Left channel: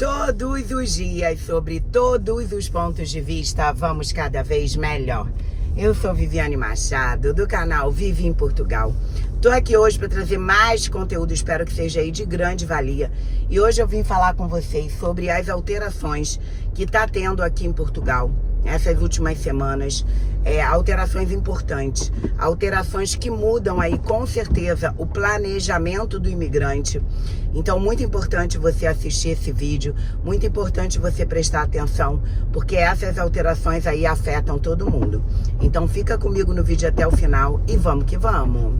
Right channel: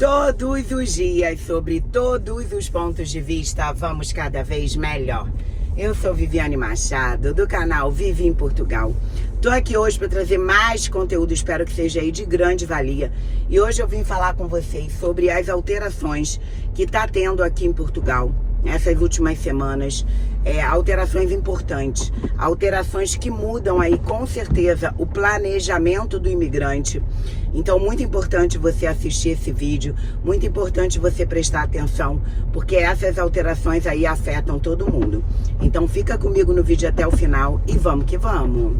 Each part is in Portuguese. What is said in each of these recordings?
Todos os dias, sobre todos os pontos de vista, vamos cada vez melhor. Eu sou Viviane Machado, do canal Vivi em Portugal. Tô aqui hoje para trazer mais conteúdo, espero que seja aí de grande valia. E hoje eu vim falar com vocês sobre as alterações que tá tendo aqui em Portugal essas últimas semanas. Alterações importantes, alterações que mudam aí com certeza o planejamento do imigrante. Então, muito importante você assistir esse vídeo, muito importante você prestar atenção, porque essas alterações aí afetam todo mundo. Então, fica comigo no vídeo até o final e vamos que vamos!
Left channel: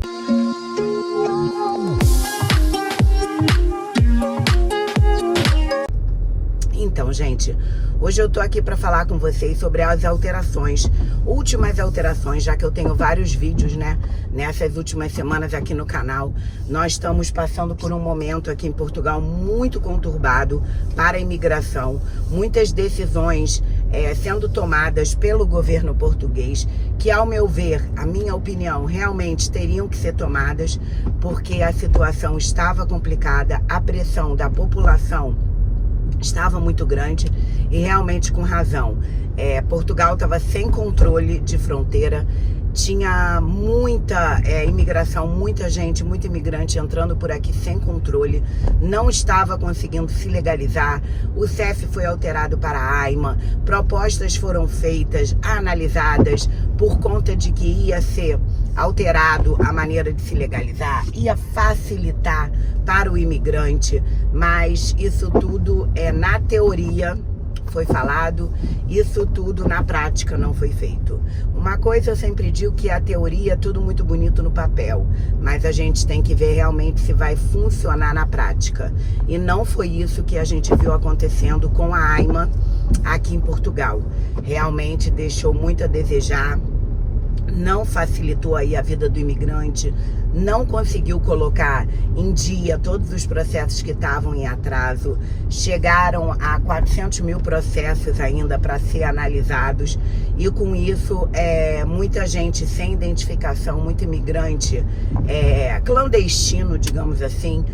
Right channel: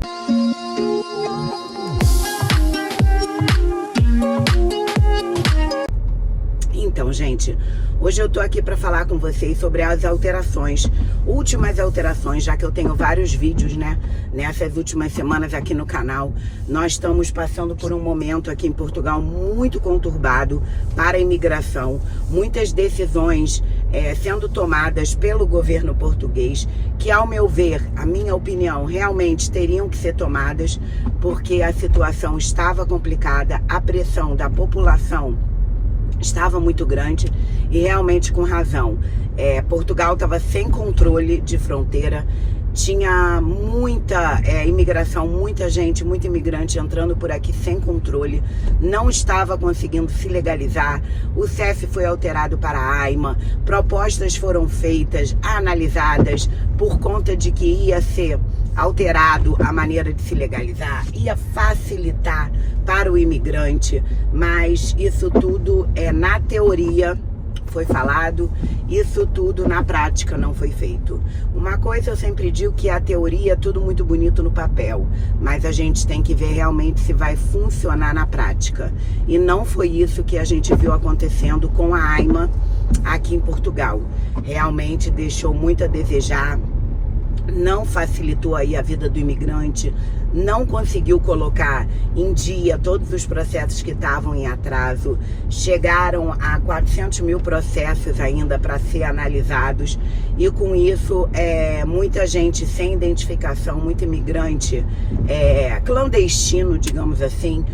Então, gente, hoje eu tô aqui para falar com vocês sobre as alterações, últimas alterações, já que eu tenho vários vídeos, né, nessas últimas semanas aqui no canal. Nós estamos passando por um momento aqui em Portugal muito conturbado para a imigração, muitas decisões sendo tomadas pelo governo português, que, ao meu ver, a minha opinião, realmente teriam que ser tomadas, porque a situação estava complicada, a pressão da população estava muito grande e realmente com razão. Portugal estava sem controle de fronteira, tinha muita imigração, muita gente, muito imigrante entrando por aqui sem controle, não estava conseguindo se legalizar. O CEF foi alterado para a AIMA, propostas foram feitas, analisadas, por conta de que ia ser alterado a maneira de se legalizar, ia facilitar para o imigrante, mas isso tudo na teoria foi falado, isso tudo na prática não foi feito. Uma coisa eu sempre digo, que a teoria é tudo muito bonito no papel, mas a gente tem que ver realmente se vai funcionar na prática. E não foi isso que a gente viu acontecendo com a AIMA aqui em Portugal. Realmente deixou muito a desejar, não facilitou aí a vida do imigrante, não conseguiu colocar em dia todos os processos que estavam em atraso. Chegaram a 400 mil processos ainda para ser analisados, e com isso muita gente sem identificação, muito imigrante clandestino, digamos assim,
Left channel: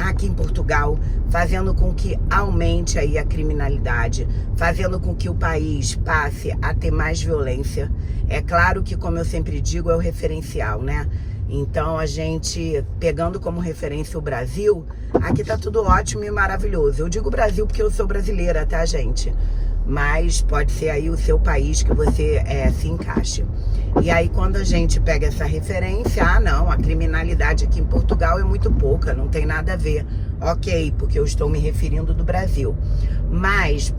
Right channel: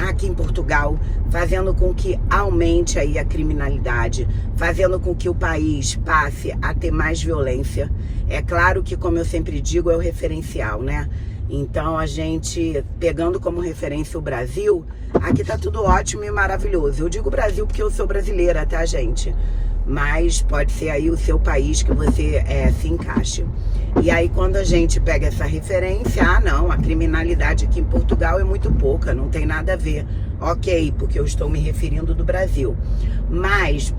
aqui em Portugal, fazendo com que aumente aí a criminalidade, fazendo com que o país passe a ter mais violência. É claro que, como eu sempre digo, é o referencial, né? Então, a gente, pegando como referência o Brasil, aqui tá tudo ótimo e maravilhoso. Eu digo Brasil porque eu sou brasileira, tá, gente? Mas pode ser aí o seu país que você se encaixe. E aí, quando a gente pega essa referência, não, a criminalidade aqui em Portugal é muito pouca, não tem nada a ver. Ok, porque eu estou me referindo do Brasil. Mas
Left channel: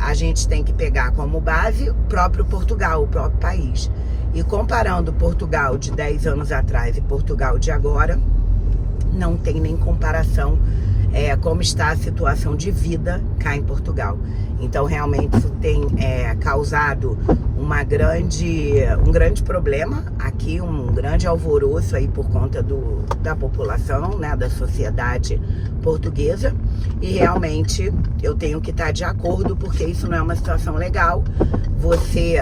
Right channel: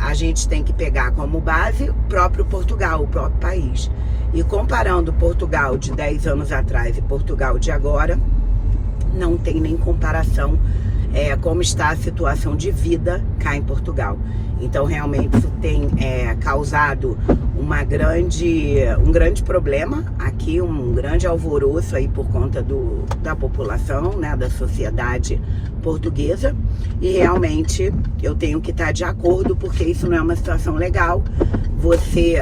a gente tem que pegar como base o próprio Portugal, o próprio país. E comparando Portugal de 10 anos atrás e Portugal de agora, não tem nem comparação como está a situação de vida cá em Portugal. Então, realmente, isso tem causado um grande problema aqui, um grande alvoroço aí por conta da população, né, da sociedade portuguesa. E realmente eu tenho que estar de acordo, porque isso não é uma situação legal. Você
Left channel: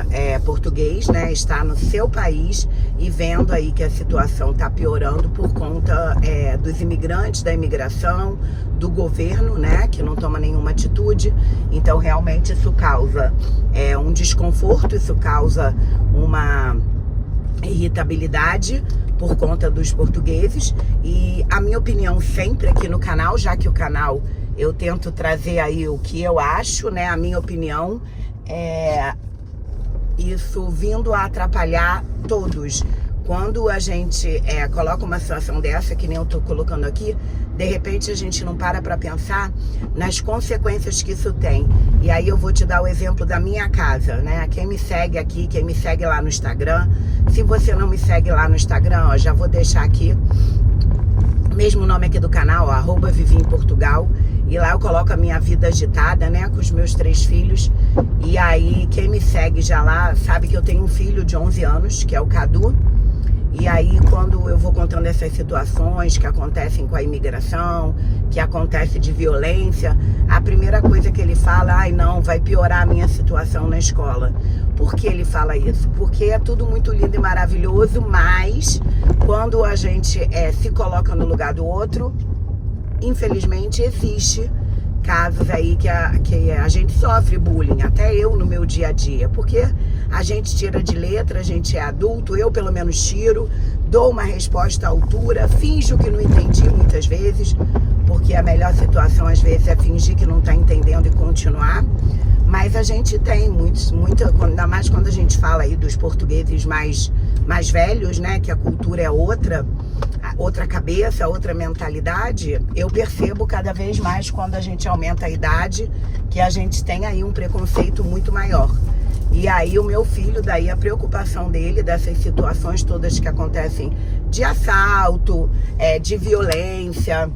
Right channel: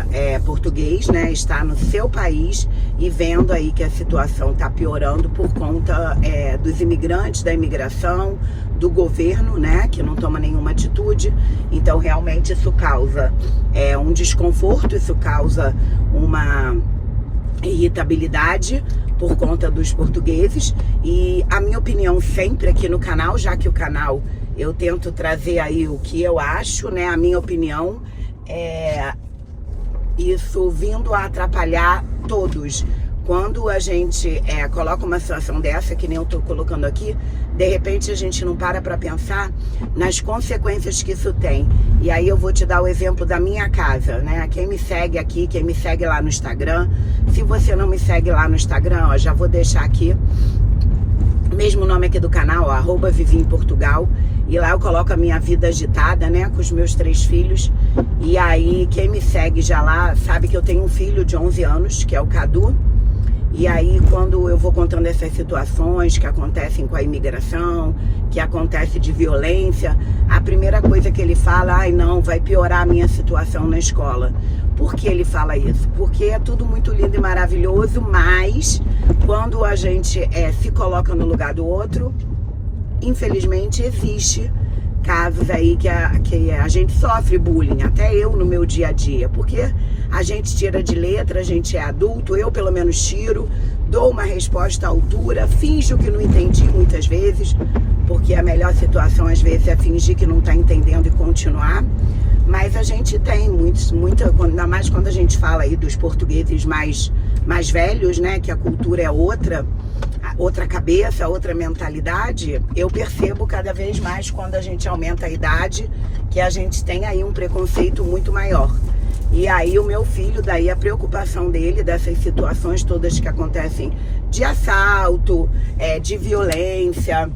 português, né, está no seu país e vendo aí que a situação está piorando por conta dos imigrantes, da imigração, do governo, né, que não toma nenhuma atitude. Então, realmente isso causa um desconforto, isso causa uma irritabilidade por conta dos portugueses. E a minha opinião sempre aqui no canal, já que o canal eu tento trazer aí o que eu acho, né, a minha opinião, isso vindo a atrapalhar todos. Quando a gente coloca uma situação dessa, que nem eu tô colocando aqui, de repente a gente não para pensar nas consequências que isso tem. E aí eu vou te dar o exemplo da minha casa, né? Quem me segue aqui, quem me segue lá no Instagram, se você não me segue lá no Instagram, ó, já vou deixar aqui, mesmo nome aqui do canal, ó, @Vivi em Portugal. E lá eu coloco a minha vida agitada, né, com os meus 3 filhos. E aí quem me segue já lá sabe que eu tenho um filho de 11 anos, que é o Cadu. E aí, quando eu vou contando essas situações que acontecem com a imigração, que acontece de violência, a primeira coisa que ele fala, ai não, vai piorar a minha situação na escola. Por que ele fala isso? Porque é tudo muito lindo e maravilhoso, mas quando a gente se coloca no lugar do outro, infelizmente existe casos aí que a gente sofre bullying, até eu no meu dia a dia, porque a gente tira de letra, a gente é adulto, eu pelo menos tiro, dou uma resposta à altura, finjo que não entendi muitas vezes, porque a melhor situação às vezes é fingir que não está entendendo e continuar. Mas a gente tem ainda mais quando a gente fala aí dos portugueses mais velhos, né? Que a cultura é outra cabeça, outra mentalidade. Eu percebo cada vez mais quando a gente aumenta a idade que a gente tem aí um preconceito muito maior. E aí o meu filho, daí a preocupação dele dessas situações todas que acontecem de assalto, de violência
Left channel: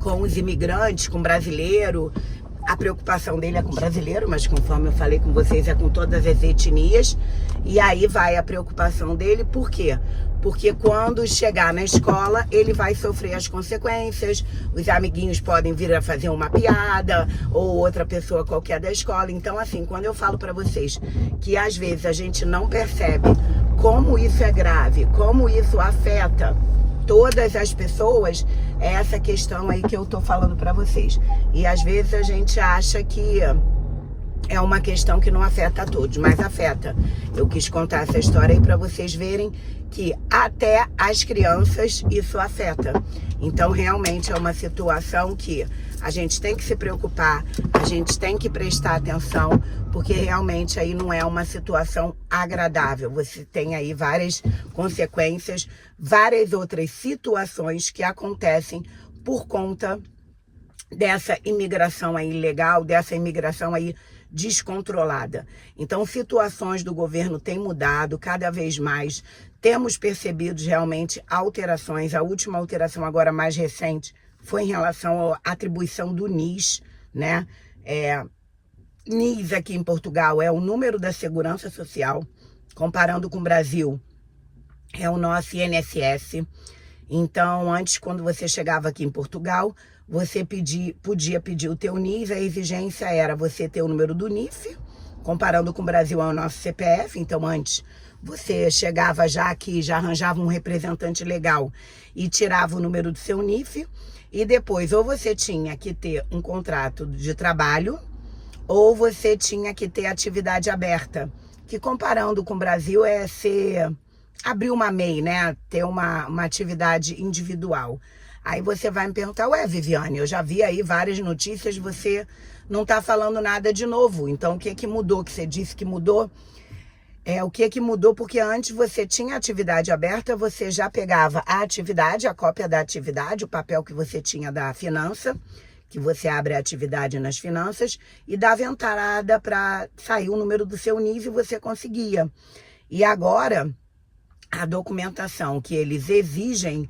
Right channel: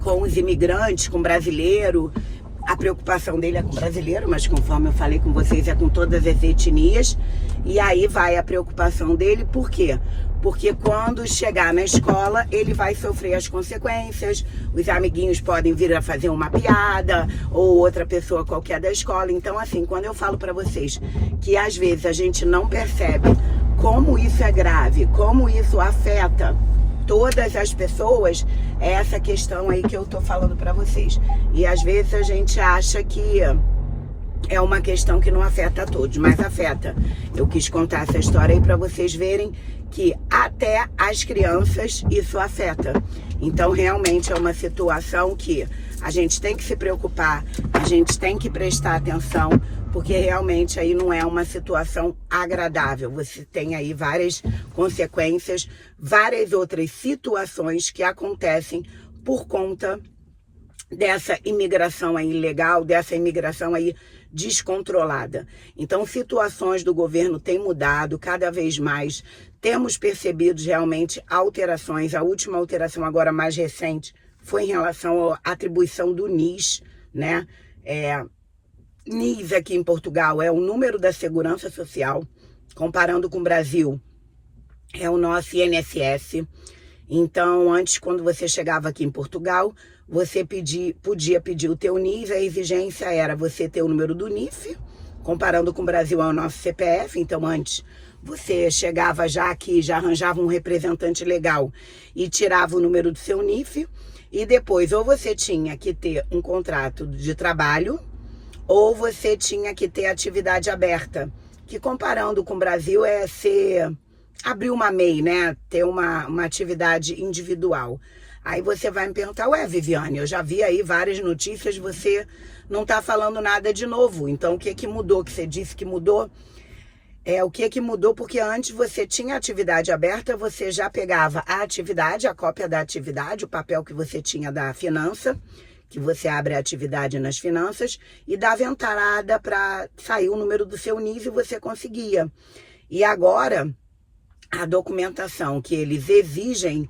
com os imigrantes, com brasileiro. A preocupação dele é com o brasileiro, mas conforme eu falei com vocês, é com todas as etnias. E aí vai a preocupação dele, por quê? Porque quando chegar na escola, ele vai sofrer as consequências, os amiguinhos podem vir a fazer uma piada, ou outra pessoa qualquer da escola. Então, assim, quando eu falo pra vocês que às vezes a gente não percebe como isso é grave, como isso afeta todas as pessoas, é essa questão aí que eu tô falando pra vocês. E às vezes a gente acha que é uma questão que não afeta a todos, mas afeta. Eu quis contar essa história aí pra vocês verem que até as crianças isso afeta. Então realmente é uma situação que a gente tem que se preocupar, a gente tem que prestar atenção, porque realmente aí não é uma situação agradável. Você tem aí várias consequências, várias outras situações que acontecem por conta dessa imigração aí ilegal, dessa imigração aí descontrolada. Então, situações do governo têm mudado cada vez mais. Temos percebido realmente alterações. A última alteração agora mais recente foi em relação à atribuição do NIS, né? NIS aqui em Portugal é o número da Segurança Social, comparando com o Brasil, é o nosso INSS. Então, antes, quando você chegava aqui em Portugal, você podia pedir o teu NIS, a exigência era você ter o número do NIF, comparando com o Brasil é o nosso CPF. Então, antes, você chegava já aqui, já arranjava um representante legal e tirava o número do seu NIF, e depois ou você tinha que ter um contrato de trabalho, ou você tinha que ter atividade aberta, que comparando com o Brasil é abrir uma MEI, né? Ter uma atividade individual. Aí você vai me perguntar, ué, Viviane, eu já vi aí várias notícias, você não tá falando nada de novo. Então, o que que mudou? Que você disse que mudou? O que que mudou? Porque antes você tinha atividade aberta, você já pegava a atividade, a cópia da atividade, o papel que você tinha da finança, que você abre a atividade nas finanças, e dava entrada para sair o número do seu NIS e você conseguia. E agora, a documentação que eles exigem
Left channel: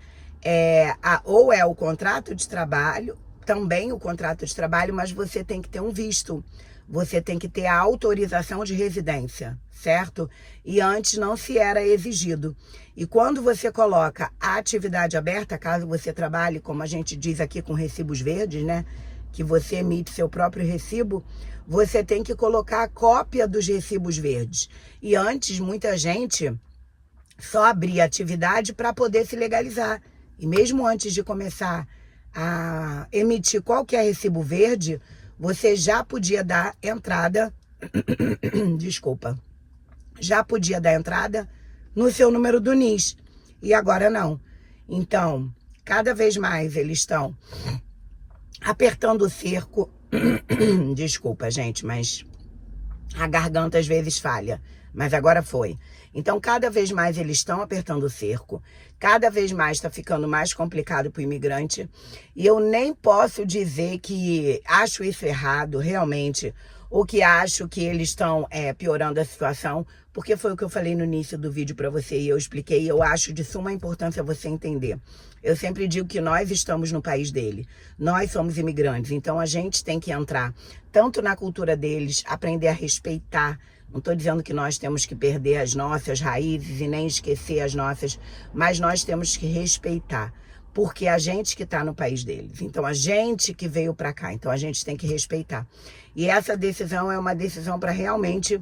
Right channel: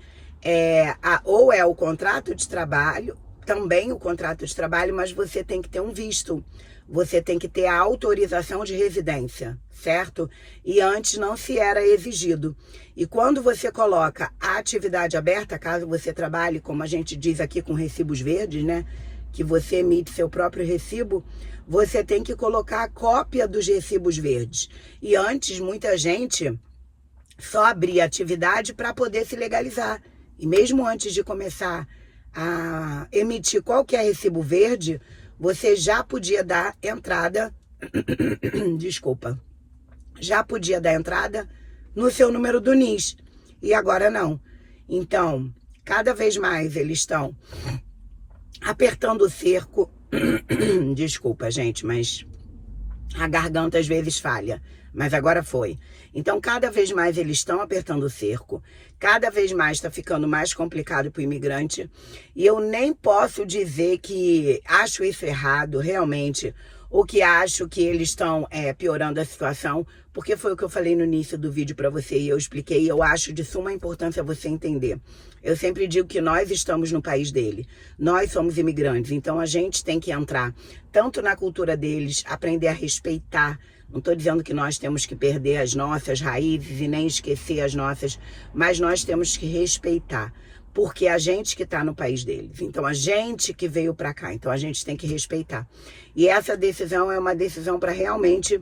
ou é o contrato de trabalho, também o contrato de trabalho, mas você tem que ter um visto, você tem que ter a autorização de residência, certo? E antes não se era exigido. E quando você coloca a atividade aberta, caso você trabalhe, como a gente diz aqui, com recibos verdes, né? Que você emite seu próprio recibo, você tem que colocar a cópia dos recibos verdes. E antes, muita gente só abria atividade para poder se legalizar. E mesmo antes de começar a emitir qualquer recibo verde, você já podia dar entrada, desculpa, já podia dar entrada no seu número do NIS. E agora não. Então, cada vez mais eles estão apertando o cerco. Desculpa, gente, mas a garganta às vezes falha. Mas agora foi. Então, cada vez mais eles estão apertando o cerco. Cada vez mais está ficando mais complicado para o imigrante. E eu nem posso dizer que acho isso errado, realmente. Ou que acho que eles estão piorando a situação. Porque foi o que eu falei no início do vídeo para você e eu expliquei. E eu acho de suma importância você entender. Eu sempre digo que nós estamos no país dele. Nós somos imigrantes. Então, a gente tem que entrar tanto na cultura deles, aprender a respeitar. Não estou dizendo que nós temos que perder as nossas raízes e nem esquecer as nossas, mas nós temos que respeitar, porque a gente que está no país deles. Então, a gente que veio para cá, então a gente tem que respeitar. E essa decisão é uma decisão para realmente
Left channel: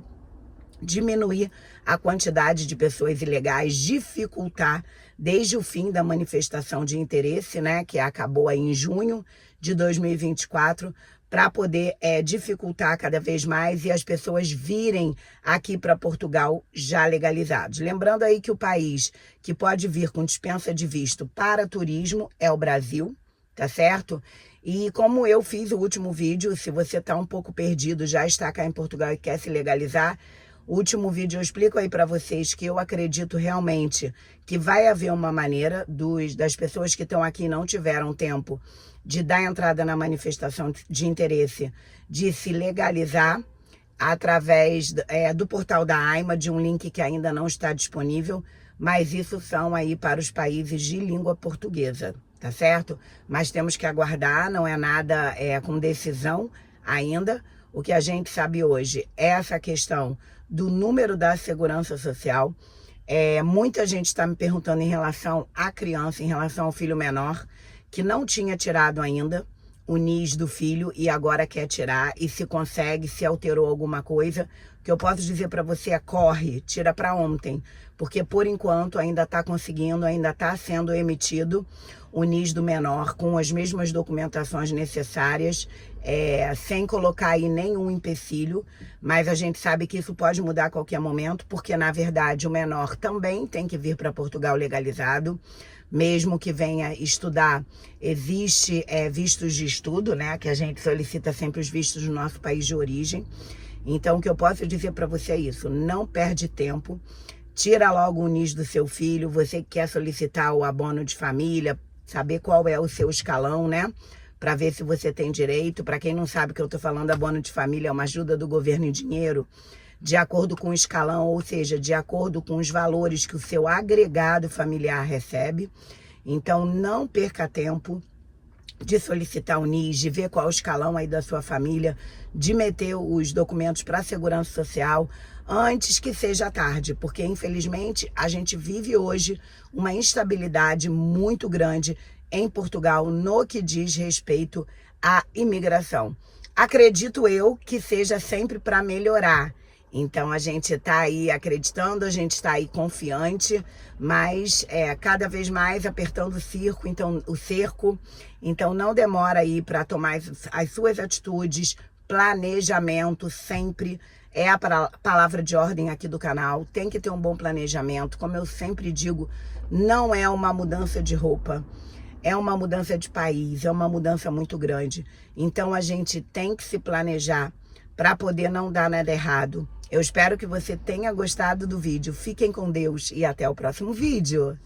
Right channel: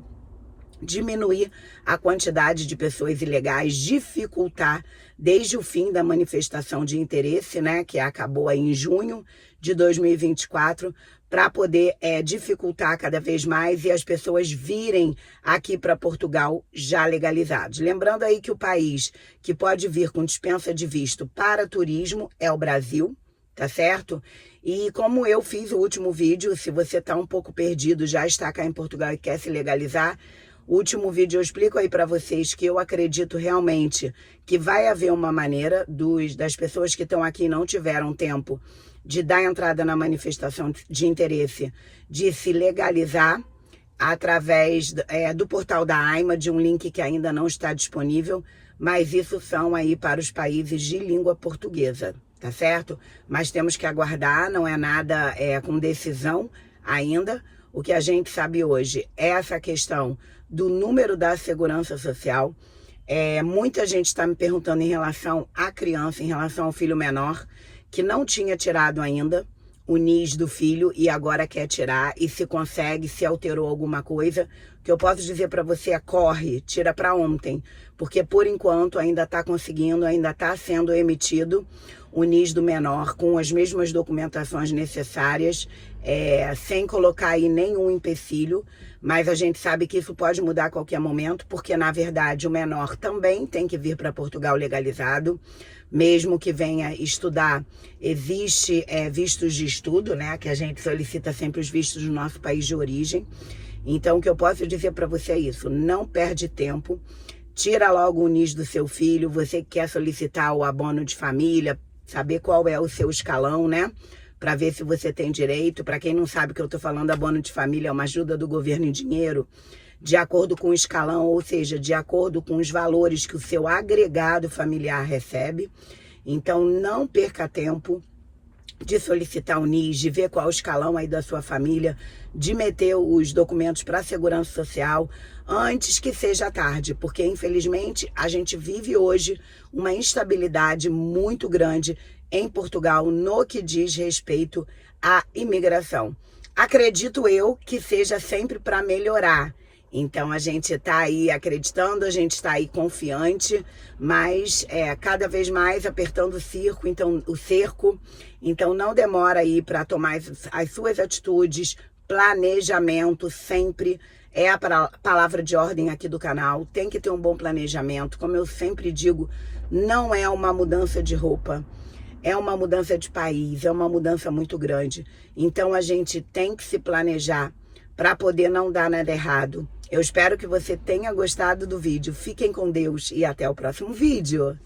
diminuir a quantidade de pessoas ilegais, dificultar desde o fim da manifestação de interesse, né, que acabou aí em junho de 2024, para poder dificultar cada vez mais e as pessoas virem aqui para Portugal já legalizados. Lembrando aí que o país que pode vir com dispensa de visto para turismo é o Brasil, tá certo? E como eu fiz o último vídeo, se você está um pouco perdido, já está cá em Portugal e quer se legalizar, o último vídeo eu explico aí para vocês que eu acredito realmente que vai haver uma maneira das pessoas que estão aqui e não tiveram tempo de dar entrada na manifestação de interesse, de se legalizar através do portal da AIMA, de um link que ainda não está disponível, mas isso são aí para os países de língua portuguesa, tá certo? Mas temos que aguardar, não é nada com decisão ainda. O que a gente sabe hoje é essa questão do número da segurança social. Muita gente está me perguntando em relação à criança, em relação ao filho menor, que não tinha tirado ainda o NIS do filho e agora quer tirar, e se consegue, se alterou alguma coisa. O que eu posso dizer para você corre, tira para ontem, porque por enquanto ainda está conseguindo, ainda está sendo emitido o NIS do menor com as mesmas documentações necessárias, sem colocar aí nenhum empecilho, mas a gente sabe que isso pode mudar a qualquer momento, porque na verdade o menor também tem que vir para Portugal legalizado, mesmo que venha estudar. Existe vistos de estudo, né, que a gente solicita sempre os vistos do nosso país de origem. Então o que eu posso dizer para você é isso, não perde tempo, tira logo o NIS do seu filho, você que quer solicitar o abono de família, saber qual é o seu escalão, né? Para ver se você tem direito. Para quem não sabe o que eu estou falando, abono de família é uma ajuda do governo em dinheiro, de acordo com o escalão, ou seja, de acordo com os valores que o seu agregado familiar recebe. Então, não perca tempo de solicitar o NIS, de ver qual o escalão aí da sua família, de meter os documentos para a Segurança Social antes que seja tarde, porque infelizmente a gente vive hoje uma instabilidade muito grande em Portugal no que diz respeito à imigração. Acredito eu que seja sempre para melhorar. Então a gente está aí acreditando, a gente está aí confiante, mas cada vez mais apertando o cerco. Então não demora aí para tomar as suas atitudes, planejamento sempre é a palavra de ordem aqui do canal. Tem que ter um bom planejamento, como eu sempre digo, não é uma mudança de roupa. É uma mudança de país, é uma mudança muito grande. Então a gente tem que se planejar para poder não dar nada errado. Eu espero que você tenha gostado do vídeo. Fiquem com Deus e até o próximo vídeo.